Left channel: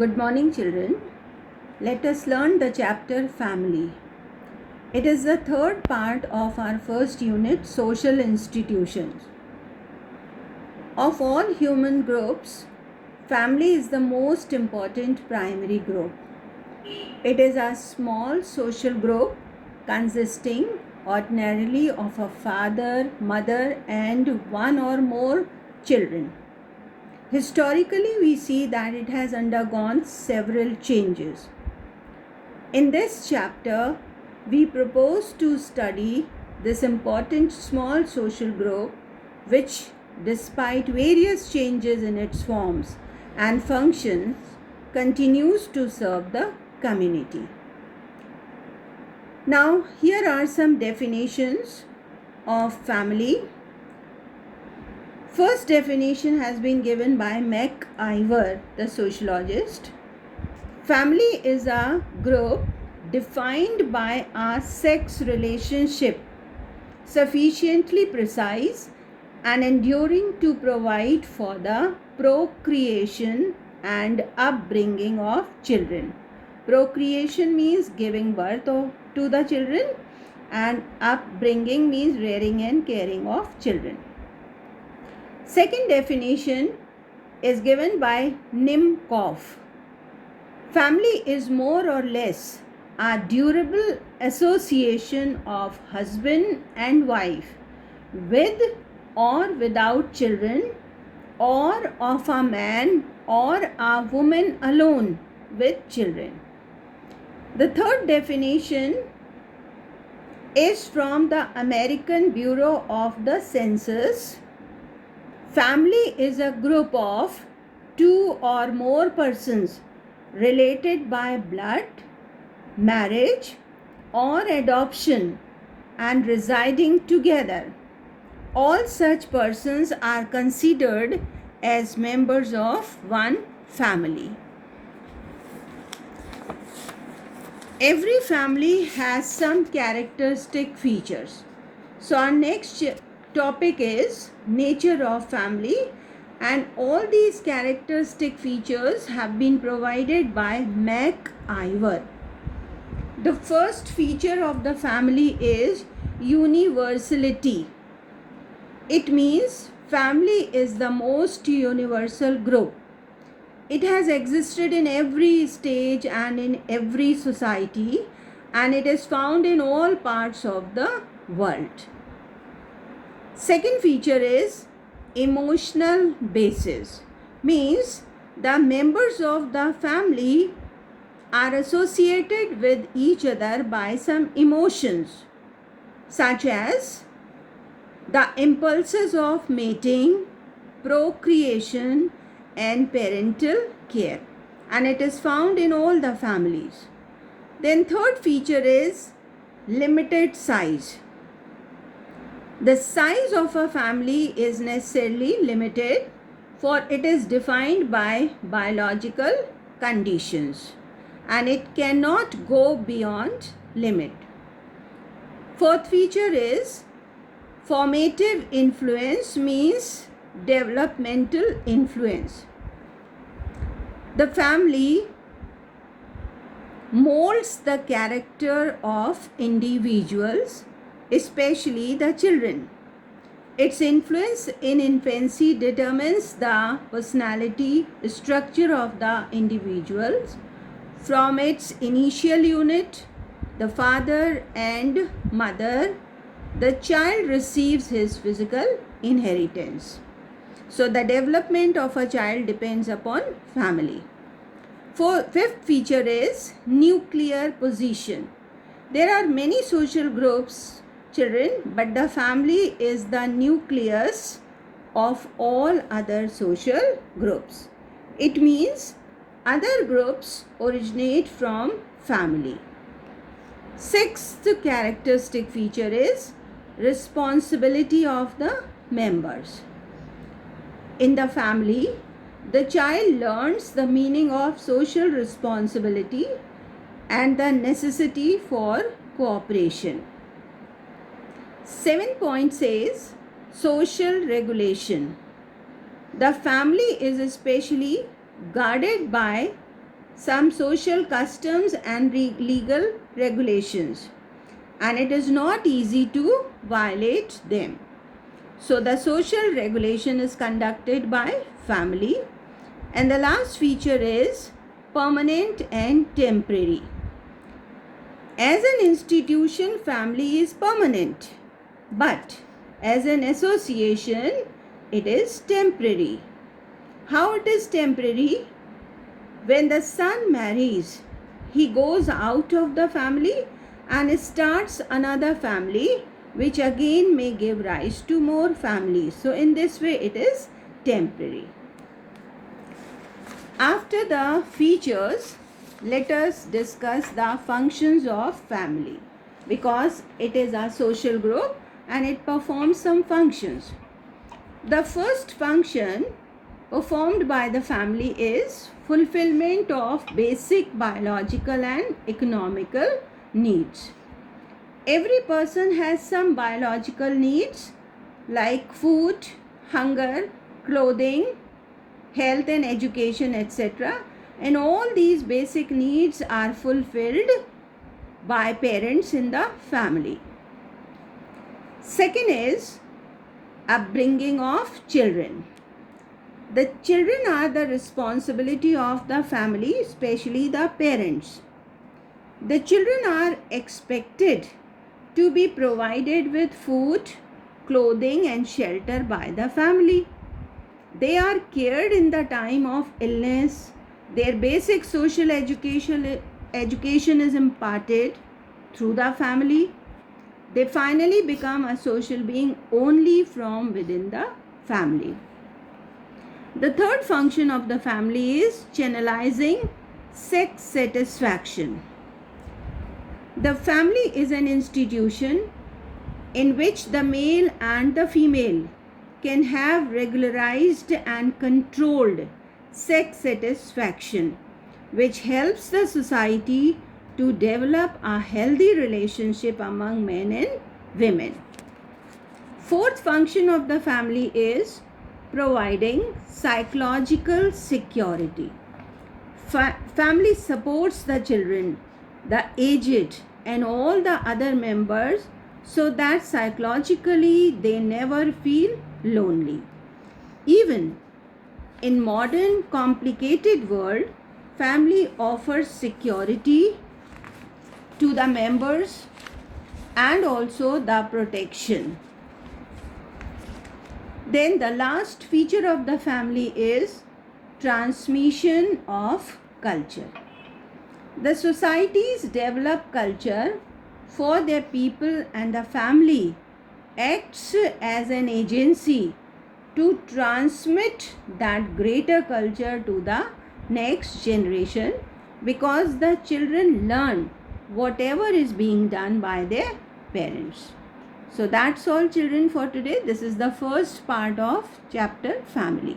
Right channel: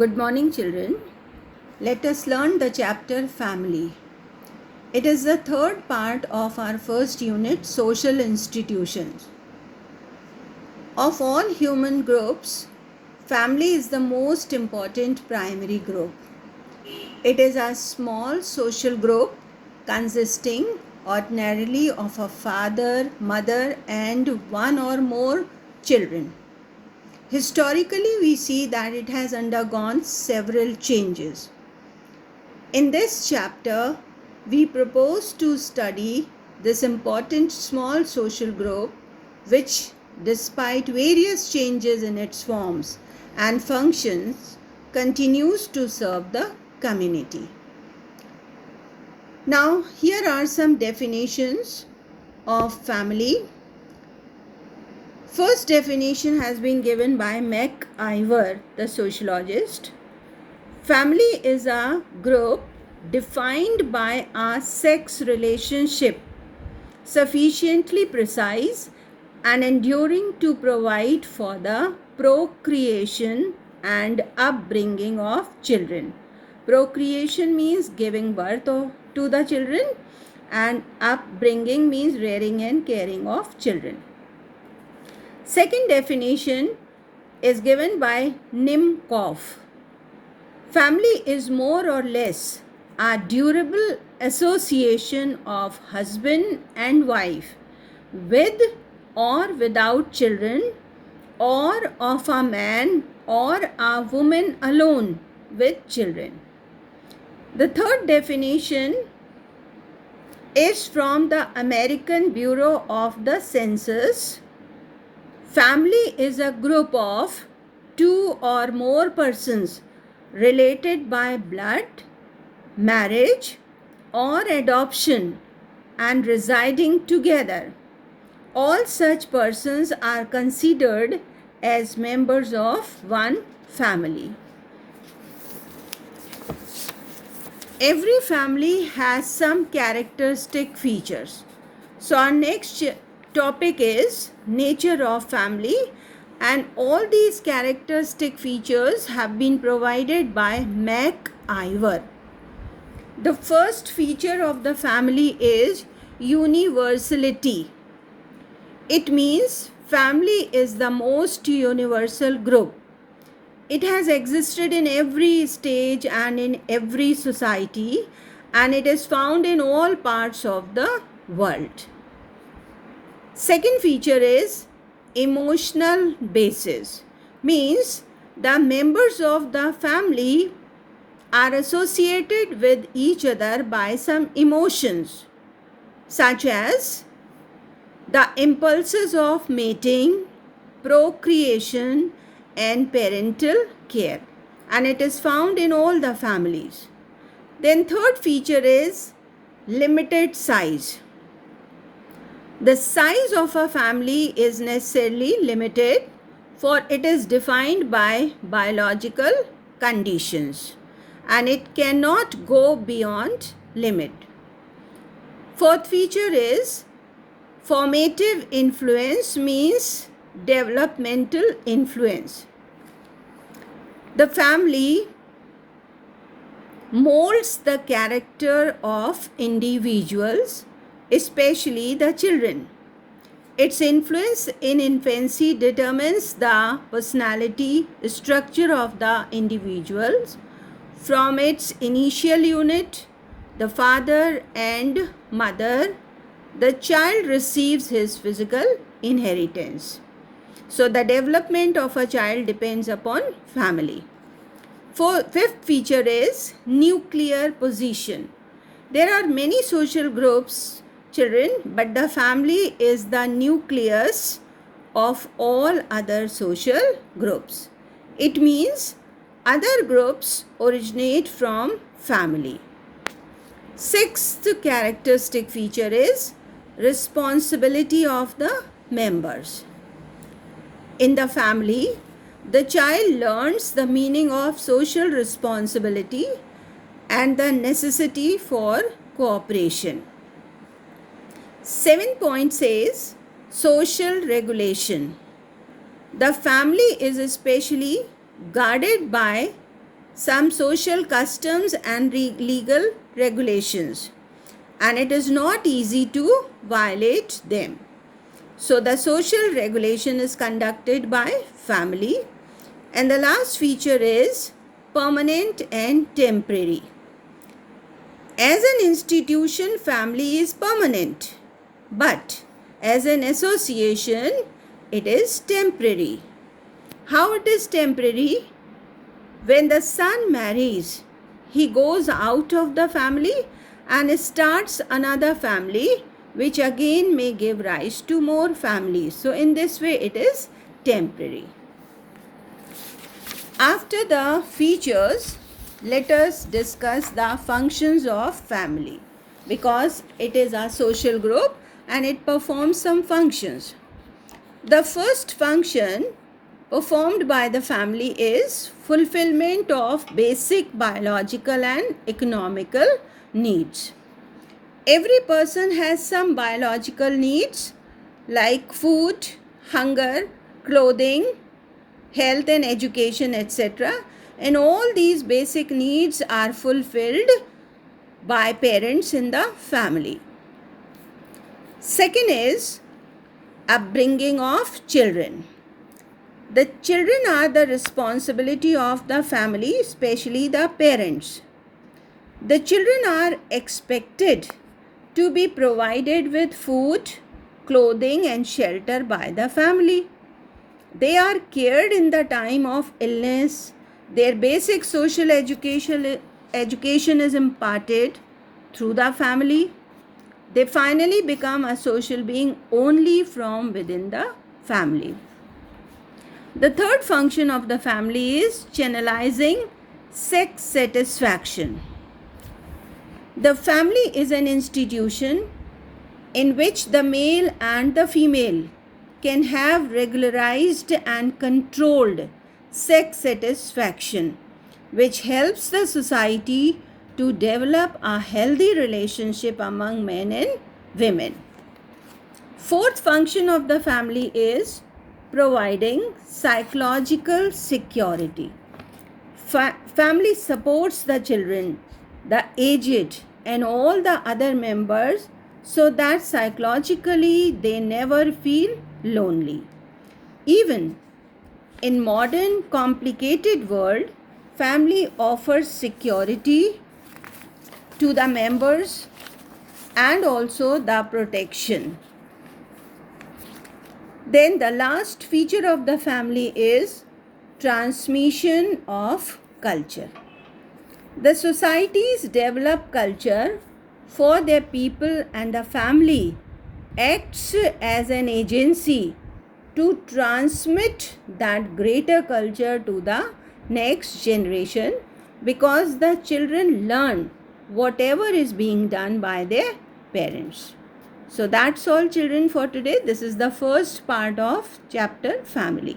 Good morning, children. Let us learn the chapter Family. It is the third part of our first unit, Social Institutions. Of all human groups, family is the most important primary group. It is a small social group consisting ordinarily of a father, mother, and one or more children. Historically, we see that it has undergone several changes. In this chapter, we propose to study this important small social group which, despite various changes in its forms and functions, continues to serve the community. Now, here are some definitions of family. First definition has been given by MacIver, the sociologist. Family is a group defined by a sex relationship sufficiently precise and enduring to provide for the procreation and upbringing of children. Procreation means giving birth to the children, and upbringing means rearing and caring of children. Second definition is given by Nimkoff. Family is more or less a durable association of husband and wife with or without children, or of a man or a woman alone with children. The third definition is from the American Bureau of the Census. Family is a group of two or more persons related by blood, marriage, or adoption and residing together. All such persons are considered as members of one family. Every family has some characteristic features. So our next topic is nature of family, and all these characteristic features have been provided by MacIver. The first feature of the family is universality. It means family is the most universal group. It has existed in every stage and in every society, and it is found in all parts of the world. Second feature is emotional basis. Means the members of the family are associated with each other by some emotions, such as the impulses of mating, procreation, and parental care, and it is found in all the families. Then third feature is limited size. The size of a family is necessarily limited, for it is defined by biological conditions and it cannot go beyond limit. Fourth feature is formative influence, means developmental influence. The family molds the character of individuals, especially the children. Its influence in infancy determines the personality structure of the individuals. From its initial unit, the father and mother, the child receives his physical inheritance. So the development of a child depends upon family. Fifth feature is nuclear position. There are many social groups, children, but the family is the nucleus of all other social groups. It means other groups originate from family. Sixth characteristic feature is responsibility of the members. In the family, the child learns the meaning of social responsibility and the necessity for cooperation. 7 point says social regulation. The family is especially guarded by some social customs and legal regulations, and it is not easy to violate them. So the social regulation is conducted by family. And the last feature is permanent and temporary. As an institution, family is permanent, but as an association, it is temporary. How it is temporary? When the son marries, he goes out of the family and starts another family, which again may give rise to more families. So in this way, it is temporary. After the features, let us discuss the functions of family, because it is a social group and it performs some functions. The first function performed by the family is fulfillment of basic biological and economical needs. Every person has some biological needs like food, hunger, clothing, health and education, etc. And all these basic needs are fulfilled by parents in the family. Second is upbringing of children. The children are the responsibility of the family, especially the parents. The children are expected to be provided with food, clothing and shelter by the family. They are cared in the time of illness. Their basic social education is imparted through the family. They finally become a social being only from within the family. The third function of the family is channelizing sex satisfaction. The family is an institution in which the male and the female can have regularized and controlled sex satisfaction, which helps the society to develop a healthy relationship among men and women. Fourth function of the family is providing psychological security. Family supports the children, the aged, and all the other members so that psychologically they never feel lonely. Even in modern complicated world, family offers security to the members and also the protection. Then the last feature of the family is transmission of culture. The societies develop culture for their people, and the family acts as an agency to transmit that greater culture to the next generation, because the children learn whatever is being done by their parents. So that's all, children, for today. This is the first part of chapter family.